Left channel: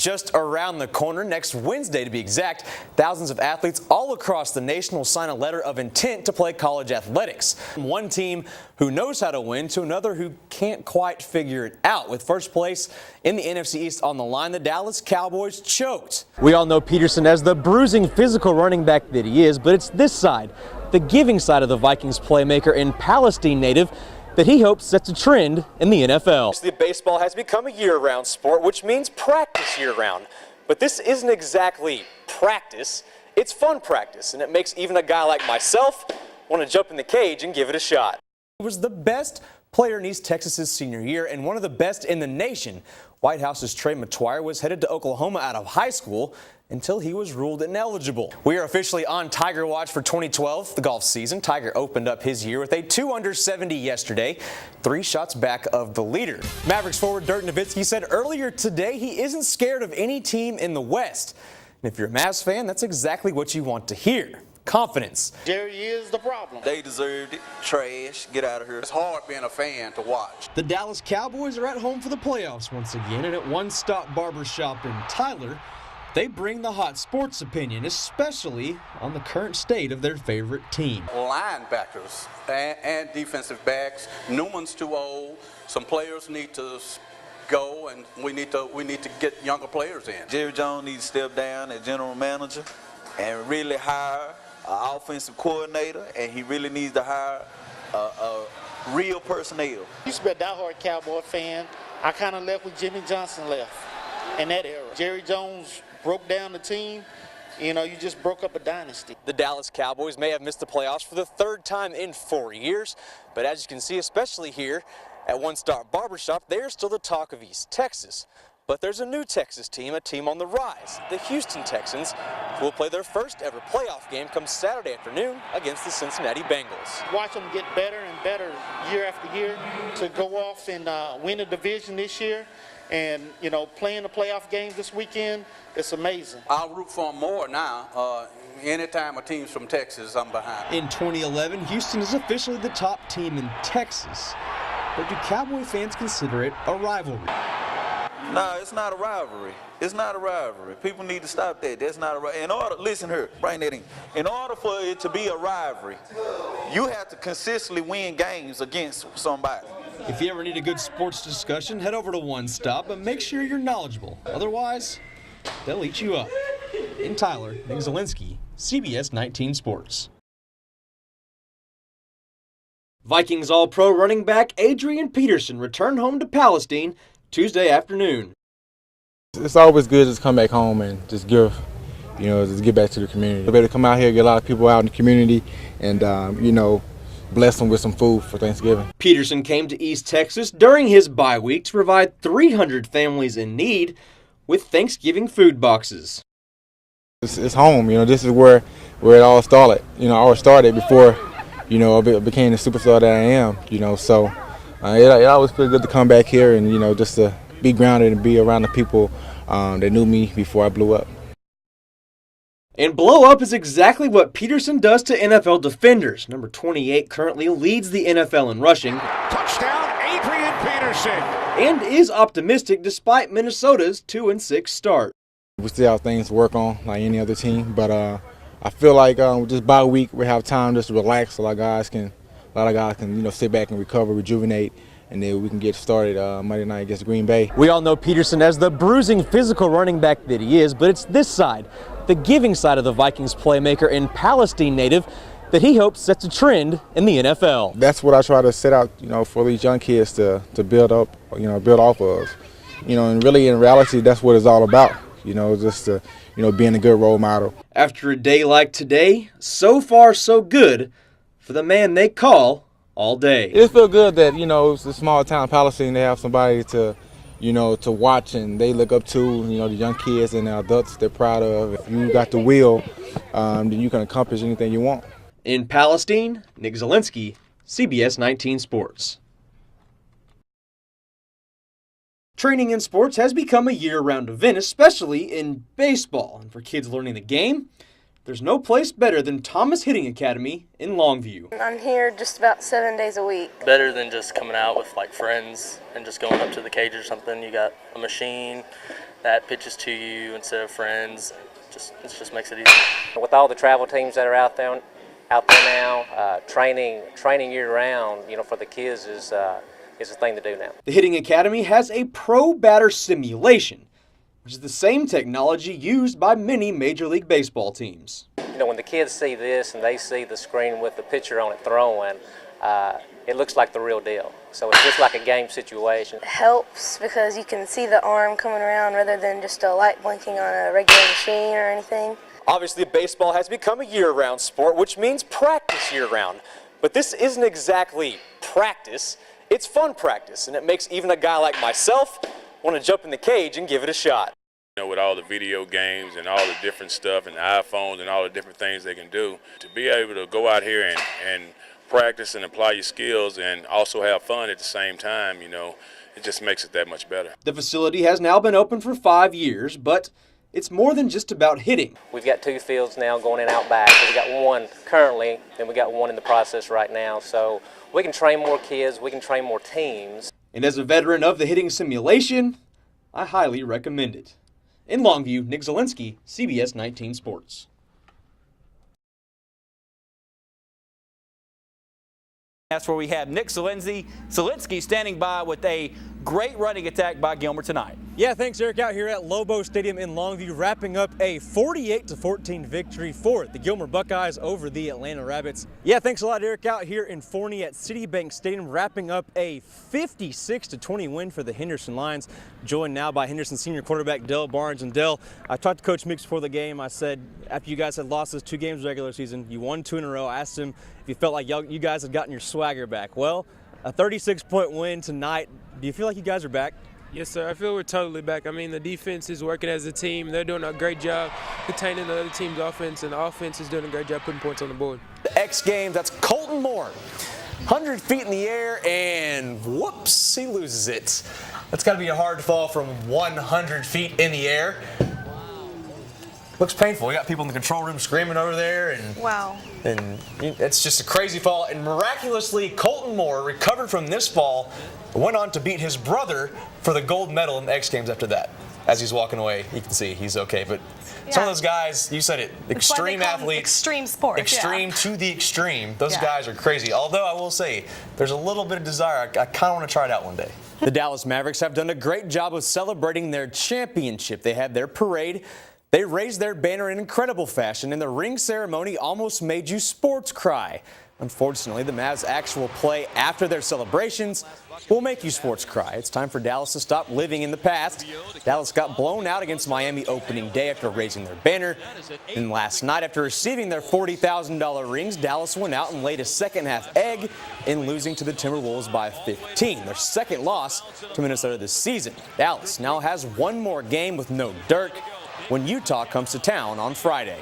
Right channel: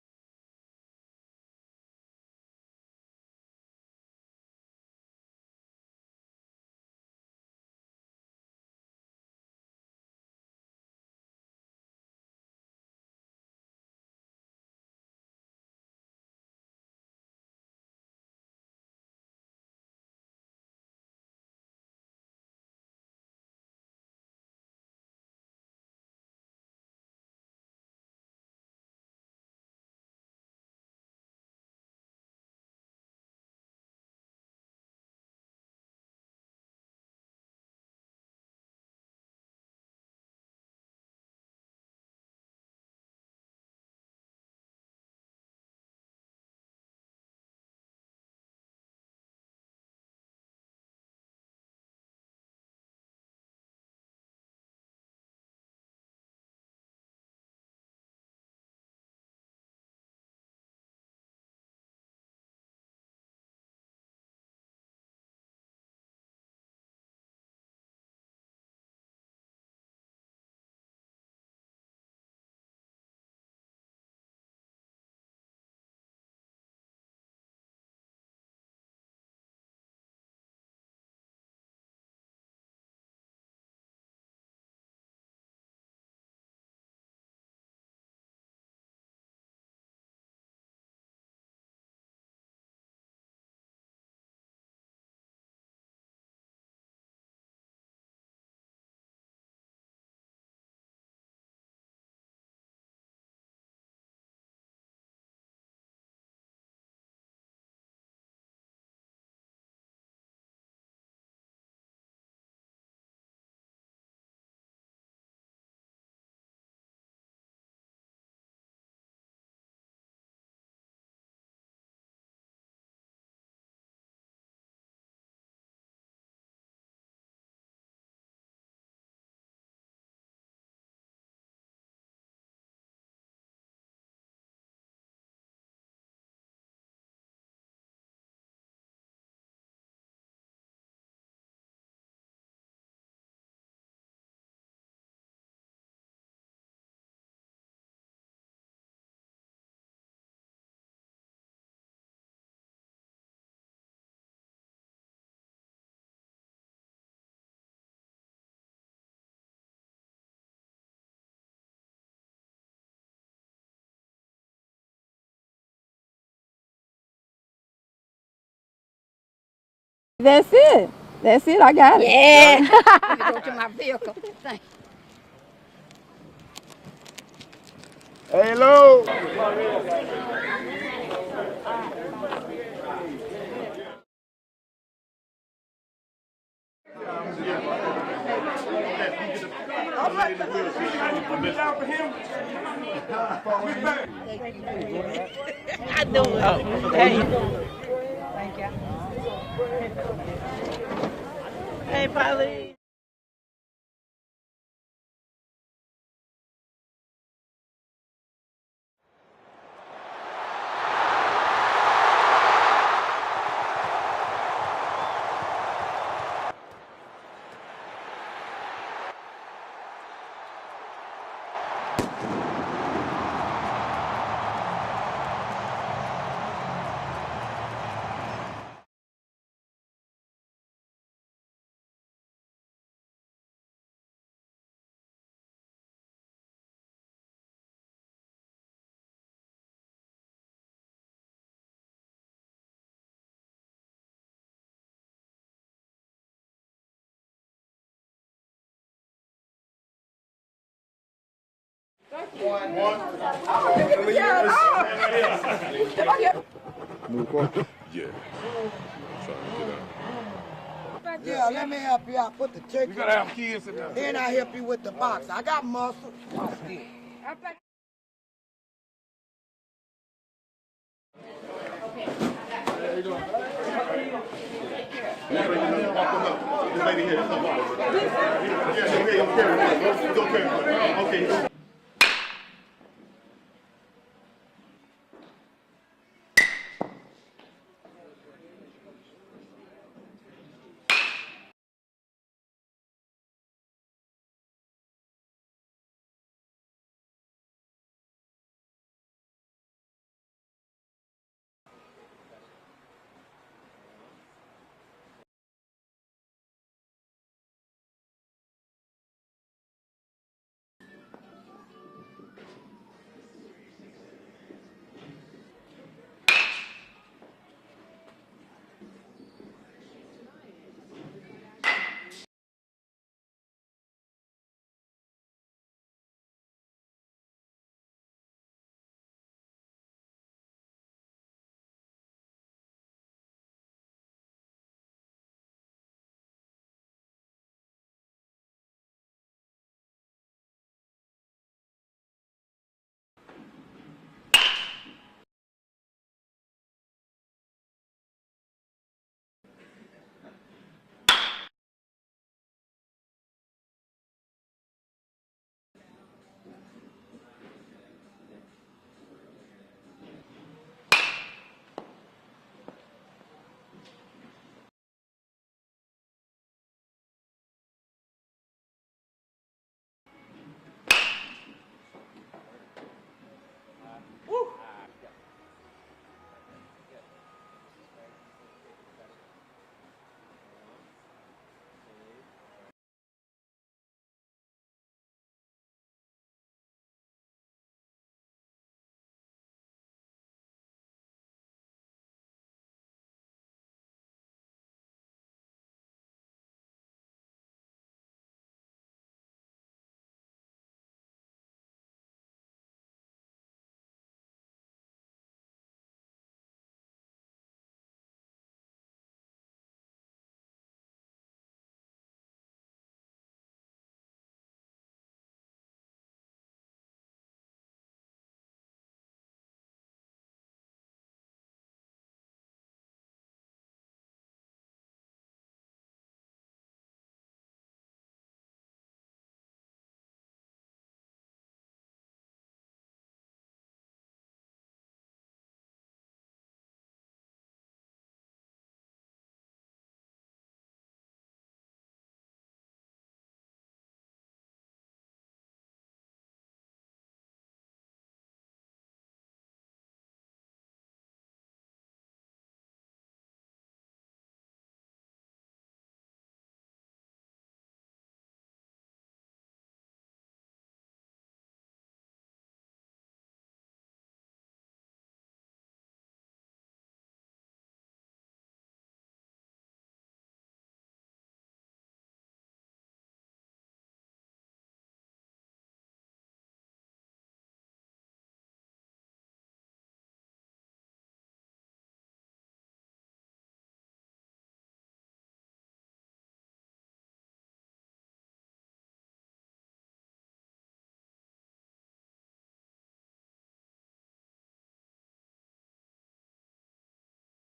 just around the corner, next Wednesday to be exact. Thousands of athletes all across the nation will sign a letter of intent to play college athletics. One team who knows how to win to another who can't quite figure it out. With first place in the NFC East on the line, the Dallas Cowboys choked. We all know Peterson as the bruising physical running back that he is, but it's this side, the giving side of the Vikings playmaker and Palestine native, that he hopes sets a trend in the NFL. The baseball has become a year-round sport, which means practice year-round. But this isn't exactly practice, it's fun practice, and it makes even a guy like myself want to jump in the cage and give it a shot. He was the best player in East Texas's senior year and one of the best in the nation. White House's Trey McTwire was headed to Oklahoma out of high school until he was ruled ineligible. We are officially on Tiger Watch for 2012, the golf season. Tiger opened up his year with a 2 under 70 yesterday, 3 shots back of the leader. Mavericks forward Dirk Nowitzki said earlier today he isn't scared of any team in the West. And if you're a Mavs fan, that's exactly what you want to hear. Confidence. Jerry is the problem. They deserved it. Trash. Get out of here. It's hard being a fan to watch. The Dallas Cowboys are at home for the playoffs once again, and at One Stop Barber Shop in Tyler, they bring the hot sports opinion, especially on the current state of their favorite team. Linebackers and defensive backs. Newman's too old. Some players need to go, and we need to get younger players in. Jerry Jones needs to step down as general manager and really hire an offensive coordinator, and he really needs to hire a real personnel. I used to be a diehard Cowboy fan. I kind of left when Jimmy Johnson left in that era. Jerry Jones broke down the team. You know, you just broke up a dynasty. The Dallas Cowboys may have missed the playoffs for the 3rd time in 4 years, but as you can see, especially here at One Stop Barbershop, they're still the talk of East Texas. But there's a new Texas team, a team on the rise, the Houston Texans, who will play their first ever playoff game come Saturday afternoon against the Cincinnati Bengals. Watch them get better and better year after year to go off and win a division this year. And, you know, playing the playoff games this weekend, it's amazing. I'll root for them more now. Anytime a team's from Texas, I'm behind. In 2011, Houston is officially the top team in Texas. But do Cowboy fans consider it a rivalry? No, it's not a rivalry. It's not a rivalry. People need to stop that. That's not a rivalry. Listen here, bring that in. In order for it to be a rivalry, you have to consistently win games against somebody. If you ever need a good sports discussion, head over to One Stop, but make sure you're knowledgeable. Otherwise, they'll eat you up. In Tyler, Nick Zelinski, CBS 19 Sports. That's it. That's it. I got it. Yeah. Vikings All-Pro running back Adrian Peterson returned home to Palestine Tuesday afternoon. Hello. It's always good to just come back home and just give, just get back to the community. We're able to come out here, get a lot of people out in the community, and bless them with some food for Thanksgiving. Peterson came to East Texas during his bye week to provide 300 families in need with Thanksgiving food boxes. It's home. This is where it all started. All started before, I became the superstar that I am. So it always feels good to come back here and just to be grounded and be around the people that knew me before I blew up. And blow up is exactly what Peterson does to NFL defenders. Number 28 currently leads the NFL in rushing. Touchdown, Adrian Peterson. And is optimistic despite Minnesota's 2-6 start. We still have things to work on like any other team, but I feel like with this bye week we have time just to relax. A lot of guys can sit back and recover, rejuvenate, and then we can get started Monday night against Green Bay. We all know Peterson as the bruising physical running back that he is, but it's this side, the giving side of the Vikings playmaker and Palestine native, that he hopes sets a trend in the NFL. That's what I try to set out, for these young kids to build up, build off of. And really in reality, that's what it's all about. Just being a good role model. After a day like today, so far so good for the man they call all day. It feels good that, it's a small town Palestine. They have somebody to watch and they look up to, the young kids and the adults they're proud of. If you got the will, you can accomplish anything you want. In Palestine, Nick Zelinski, CBS 19 Sports. Training in sports has become a year-round event, especially in baseball. For kids learning the game, there's no place better than Thomas Hitting Academy in Longview. I'm here just about 7 days a week. Better than just coming out with like friends and just going up to the cage or something. You got a machine, that pitches to you instead of friends. It just makes it easier. With all the travel teams that are out there now, training year round, for the kids is the thing to do now. The Hitting Academy has a pro batter simulation, which is the same technology used by many Major League Baseball teams. When the kids see this and they see the screen with the pitcher on it throwing, it looks like the real deal. So it's just like a game situation. It helps because you can see the arm coming around rather than just a light blinking on a regular machine or anything. Obviously, baseball has become a year-round sport, which means practice year-round. But this isn't exactly practice. It's fun practice, and it makes even a guy like myself want to jump in the cage and give it a shot. With all the video games and all the different stuff and the iPhones and all the different things they can do, to be able to go out here and practice and apply your skills and also have fun at the same time, it just makes it that much better. The facility has now been open for 5 years, but it's more than just about hitting. We've got 2 fields now going in out back. So we got one currently, and we got one in the process right now. So we can train more kids, we can train more teams. And as a veteran of the hitting simulation, I highly recommend it. In Longview, Nick Zelinski, CBS 19 Sports. That's where we have Nick Zelinski standing by with a great running attack by Gilmer tonight. Yeah, thanks, Eric. Out here at Lobo Stadium in Longview, wrapping up a 48-14 victory for the Gilmer Buckeyes over the Atlanta Rabbits. Yeah, thanks a lot, Eric. Out here in Forney at Citibank Stadium, wrapping up a 56-20 win for the Henderson Lions. Joined now by Henderson senior quarterback Dell Barnes. And Dell, I talked to Coach Meeks before the game. I said, after you guys had lost those 2 games regular season, you won 2 in a row. I asked him if you felt like you guys had gotten your swagger back. Well, a 36-point win tonight. Do you feel like you guys are back? Yes, sir. I feel we're totally back. I mean, the defense is working as a team. They're doing a great job containing the other team's offense, and the offense is doing a great job putting points on the board. The X Games, that's Colton Moore. 100 feet in the air, and whoops, he loses it. That's got to be a hard fall from 100 feet in the air. Looks painful. We got people in the control room screaming over there, and Wow. And it's just a crazy fall. And miraculously, Colton Moore recovered from this fall, went on to beat his brother for the gold medal in the X Games after that. As he's walking away, you can see he's okay. But some of those guys, you said it, extreme athletes. Extreme sport. Extreme to the extreme. Those guys are crazy. Although I will say, there's a little bit of desire. I kind of want to try it out one day. The Dallas Mavericks have done a great job of celebrating their championship. They had their parade. They raised their banner in incredible fashion, and the ring ceremony almost made you sports cry. Unfortunately, the Mavs' actual play after their celebrations will make you sports cry. It's time for Dallas to stop living in the past. Dallas got blown out against Miami opening day after raising their banner. And last night, after receiving their $40,000 rings, Dallas went out and laid a second-half egg in losing to the Timberwolves by 15, their second loss to Minnesota this season. Dallas now has one more game with no Dirk when Utah comes to town on Friday.